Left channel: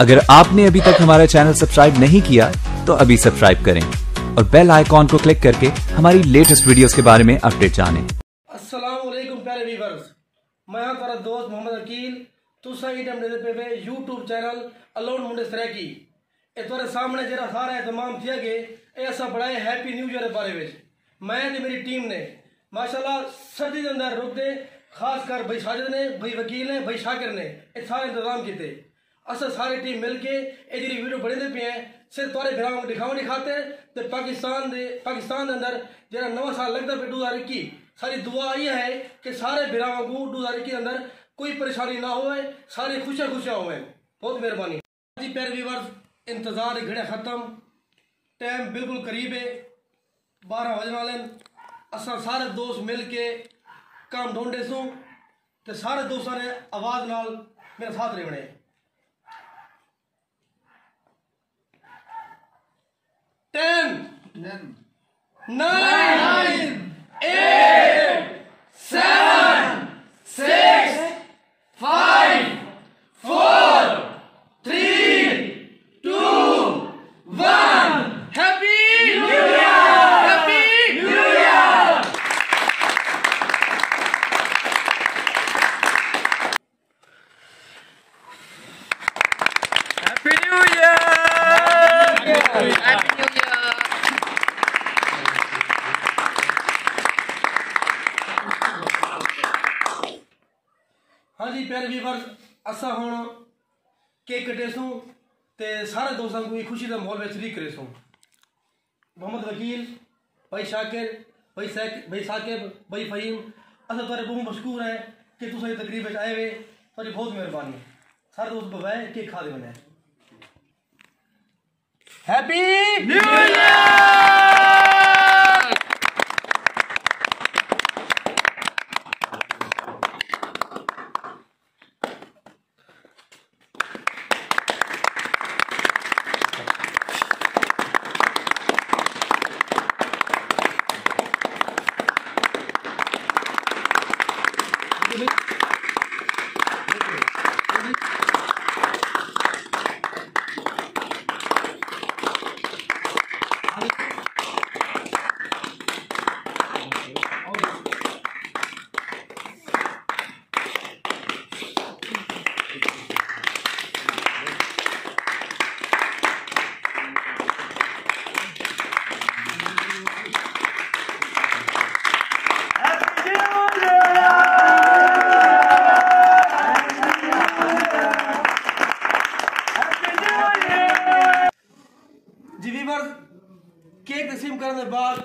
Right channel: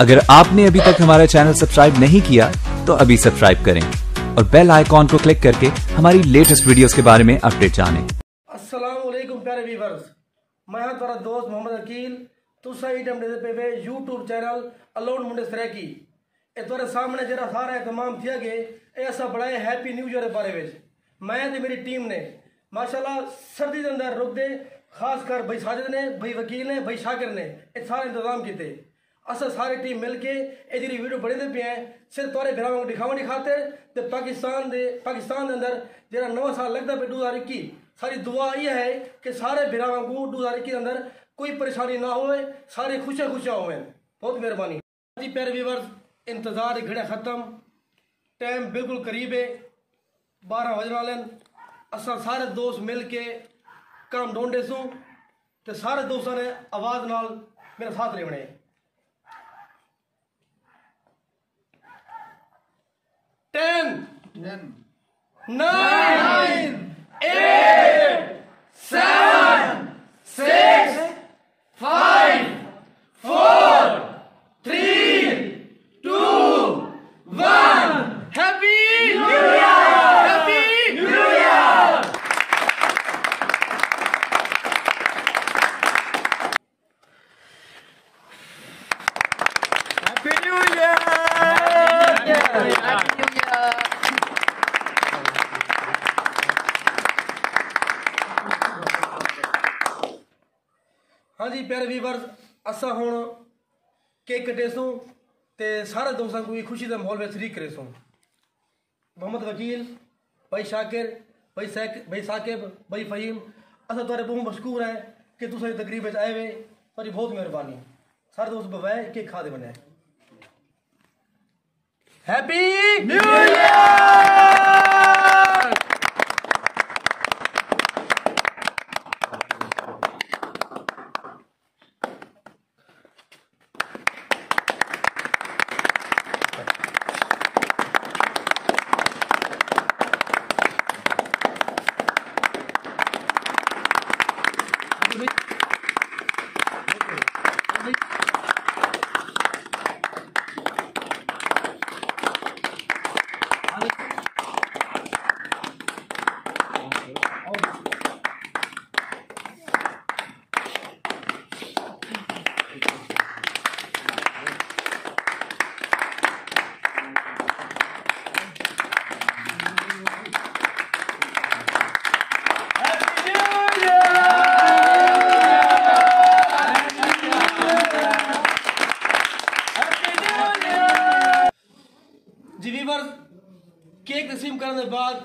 अगर आपने अभी तक हमारा चैनल सब्सक्राइब नहीं किया तो अभी सब्सक्राइब करें और बेल आइकॉन को क्लिक करके हमारी लेटेस्ट वीडियोस के बारे में अपडेट जानें। अस्सलाम वालेकुम प्यारे व्यूअर्स, मैं हाँ तुम्हारा दोस्त मोहम्मद अकील। तुसा इटम दे पे यूट्यूब चैनल अलोन मुंडे सरैकी ए तुम्हारे सामने जरा सारा एहतमाम किया गया ऐसा बड़ा हैप्पी न्यू ईयर के बारे में। मैं ते मेरी टीम ने माशाल्लाह सर्दी के अंदर रुक दे खासकर भाई साजिद ने, भाई वकील ने, भाई शाकिर ने ये सारे इंतजाम किए। अस सारी टीम मिल के ये वीडियो बनते पे हैं सिर्फ तुरे भरावां को दिखाने खातिर। तो पाकिस्तान के अंदर जरा नवा साल लगता पे 2021 सारी दुआ ये है कि सारे भरावां को 2021 के अंदर कोई परेशानी ना हो, सारी खुशियां होवे। बहुत मेहरबानी जी प्यारे व्यूअर्स, इंतजार घड़े खत्म, टाइम बिल्कुल करीब है, 12 बजने वाले। असा सारे दोस्त मिल के काम ढूंढे सूँ तो सारे दोस्तों ने आवाज नाल मेरे साथ रहने। 10 9 8 7 6 5 4 3 2 1 happy new year, happy new year. Happy new year, happy new year. हाँ जी प्यारे व्यूअर्स, असा हुण केक कटे सूँ ते सारे दोस्तों को खुशी का माहौल में शरीक करे सूँ। मोहम्मद वकील, भाई शाकिर, भाई साकिब, भाई फहीम, असा तुहारे बहुत मशकूर है कि तुस तकरीब आए हुए। तुहारी बहुत मेहरबानी। सारे दोस्त बवाए केक खा दे बने। Happy new year. जी व्यूअर्स, केक तकसीम करने के बाद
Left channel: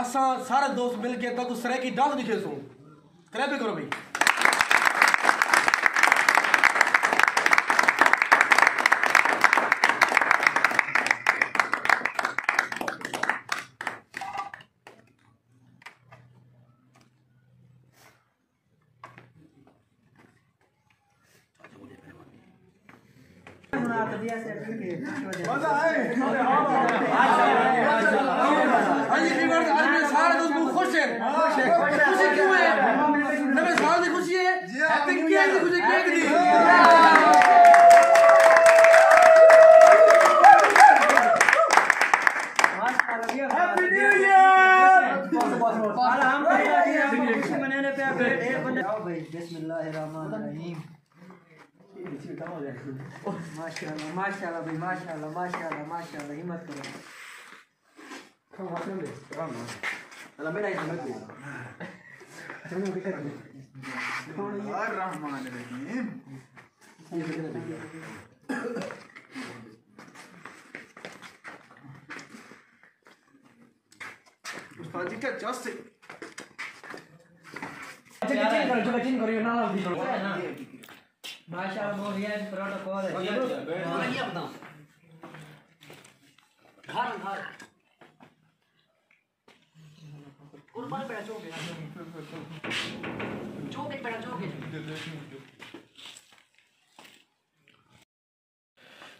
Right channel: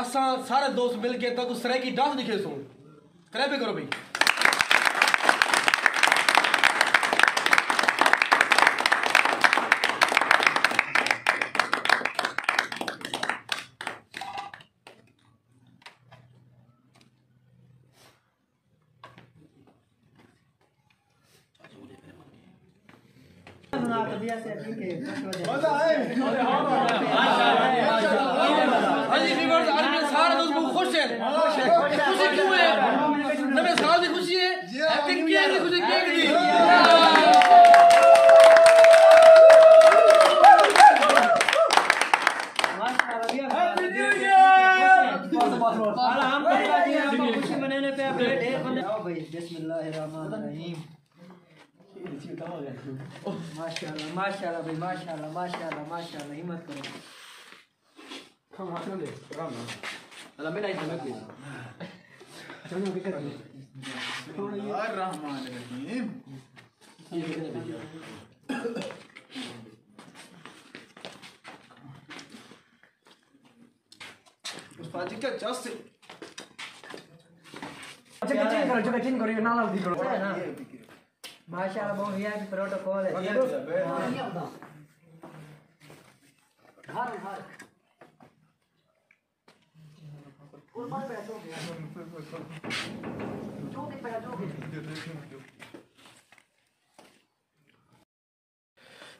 असा सारे दोस्त मिल के तो सरैकी डांस दिखे सूँ। क्लैप करो भाई। हाँ जी व्यूअर्स, आज मेरे सारे दोस्त बहुत खुश हैं। खुशी क्यों है? नवे साल की खुशी है, हैप्पी न्यू ईयर की खुशी केक दी। Happy new year. खुशी मनाने पे आप ढेर बंदे आओ भाई। बिस्मिल्लाहिर्रहमानिर्रहीम। माशाल्लाह माशाल्लाह भाई, माशाल्लाह माशाल्लाह माशाल्लाह, हिम्मत करो। माशाल्लाह बहुत ही प्रोटोकॉल है।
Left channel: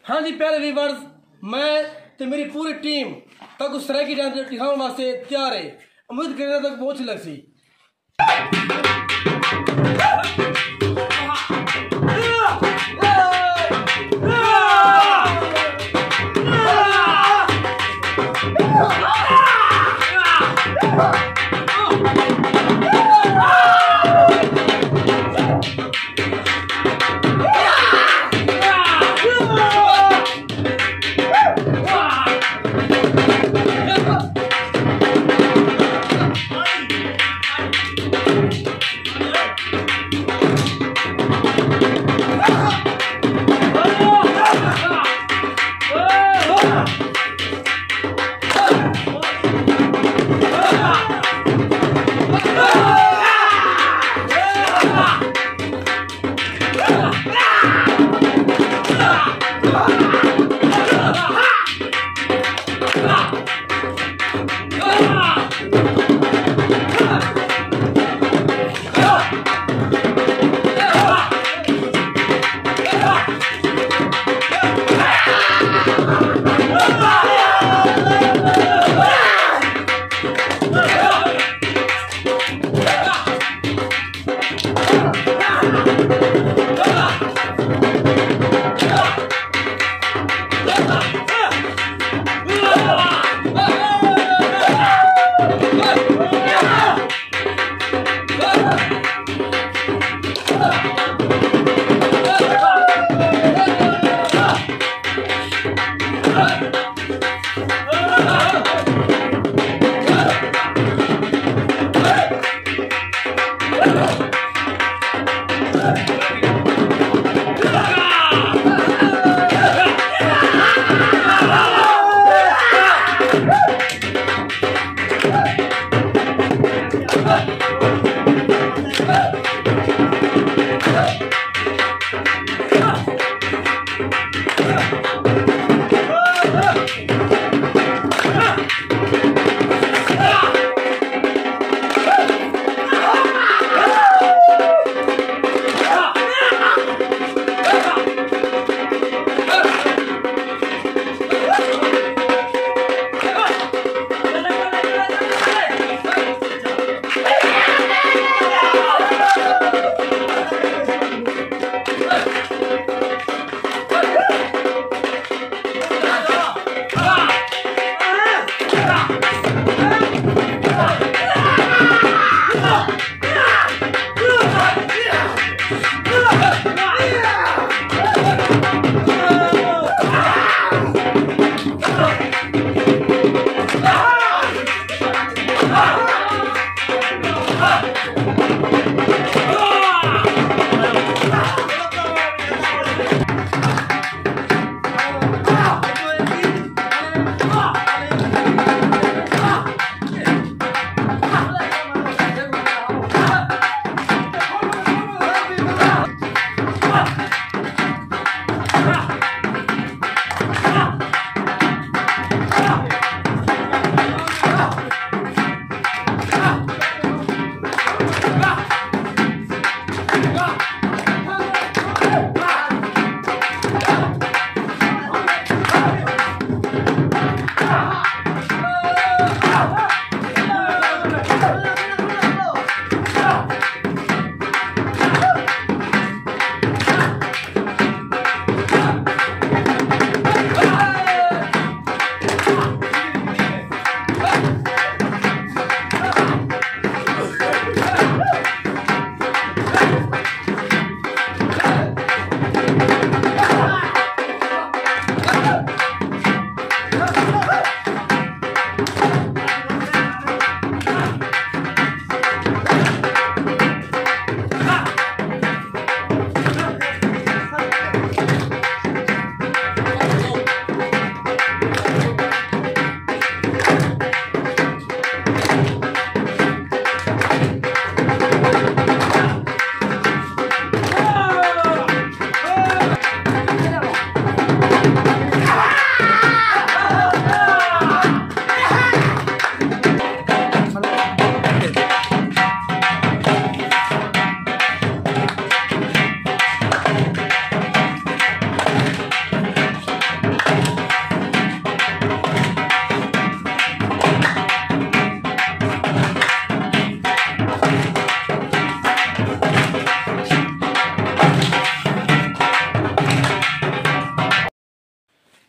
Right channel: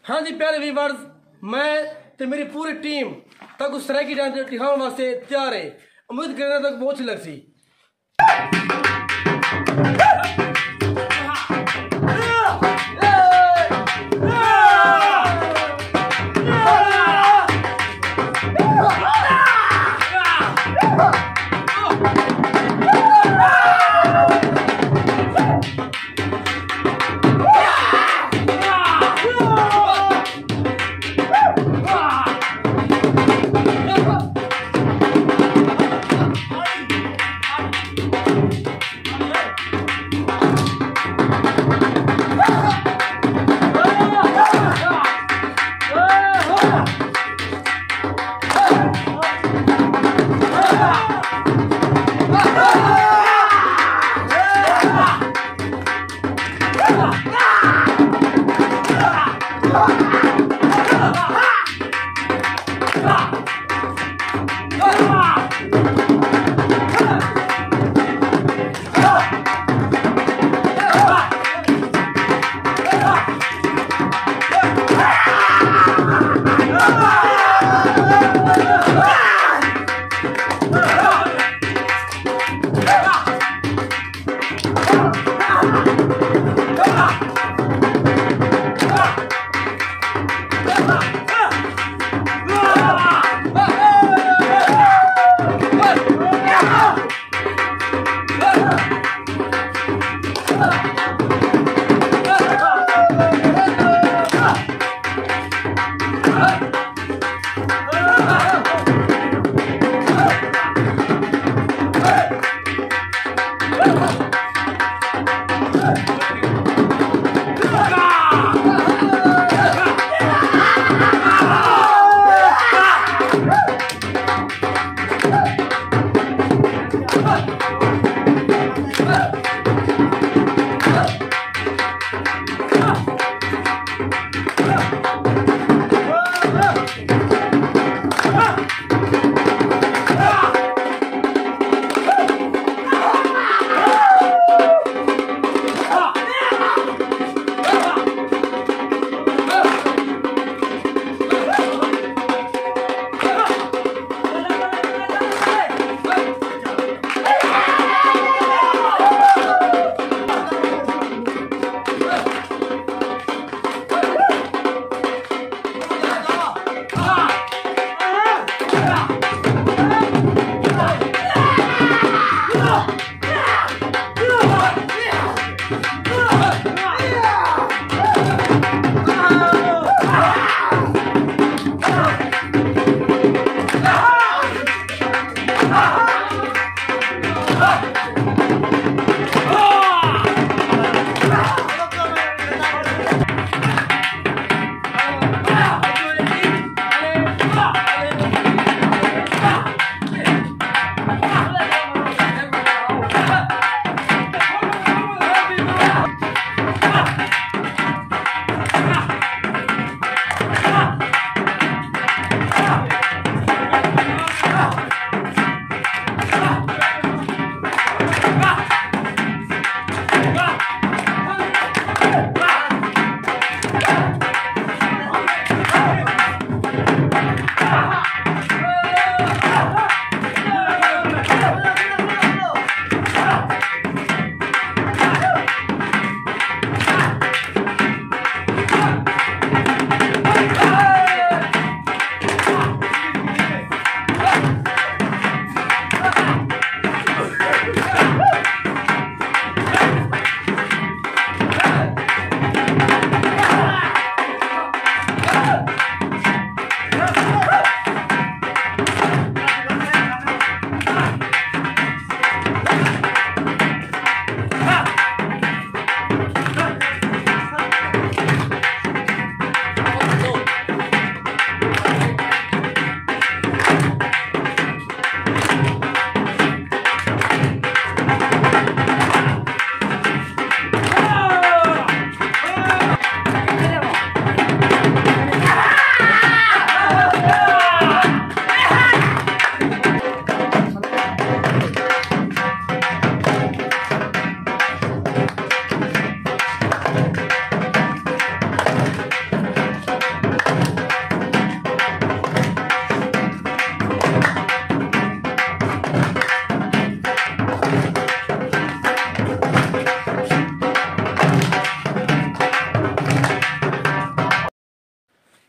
हाँ जी प्यारे व्यूअर्स, मैं तो मेरी पूरी टीम तक उस तरह की डांस दिखाने वास्ते तैयार है। उम्मीद करने तक बहुत सी लगती।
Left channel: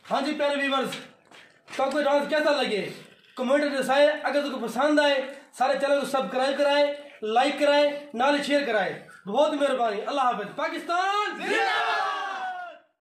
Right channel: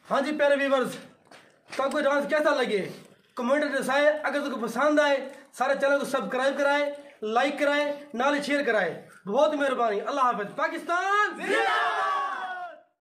हाँ जी प्यारे व्यूवर्स, तो आपको डांस कैसा लगे कमेंट में दसाए। अगर तुमको पसंद आए सारे चैनल को सब्सक्राइब कराए, लाइक कराए, नाले शेयर कराए। बहुत मेहरबानी। अल्लाह हाफिज। पाकिस्तान।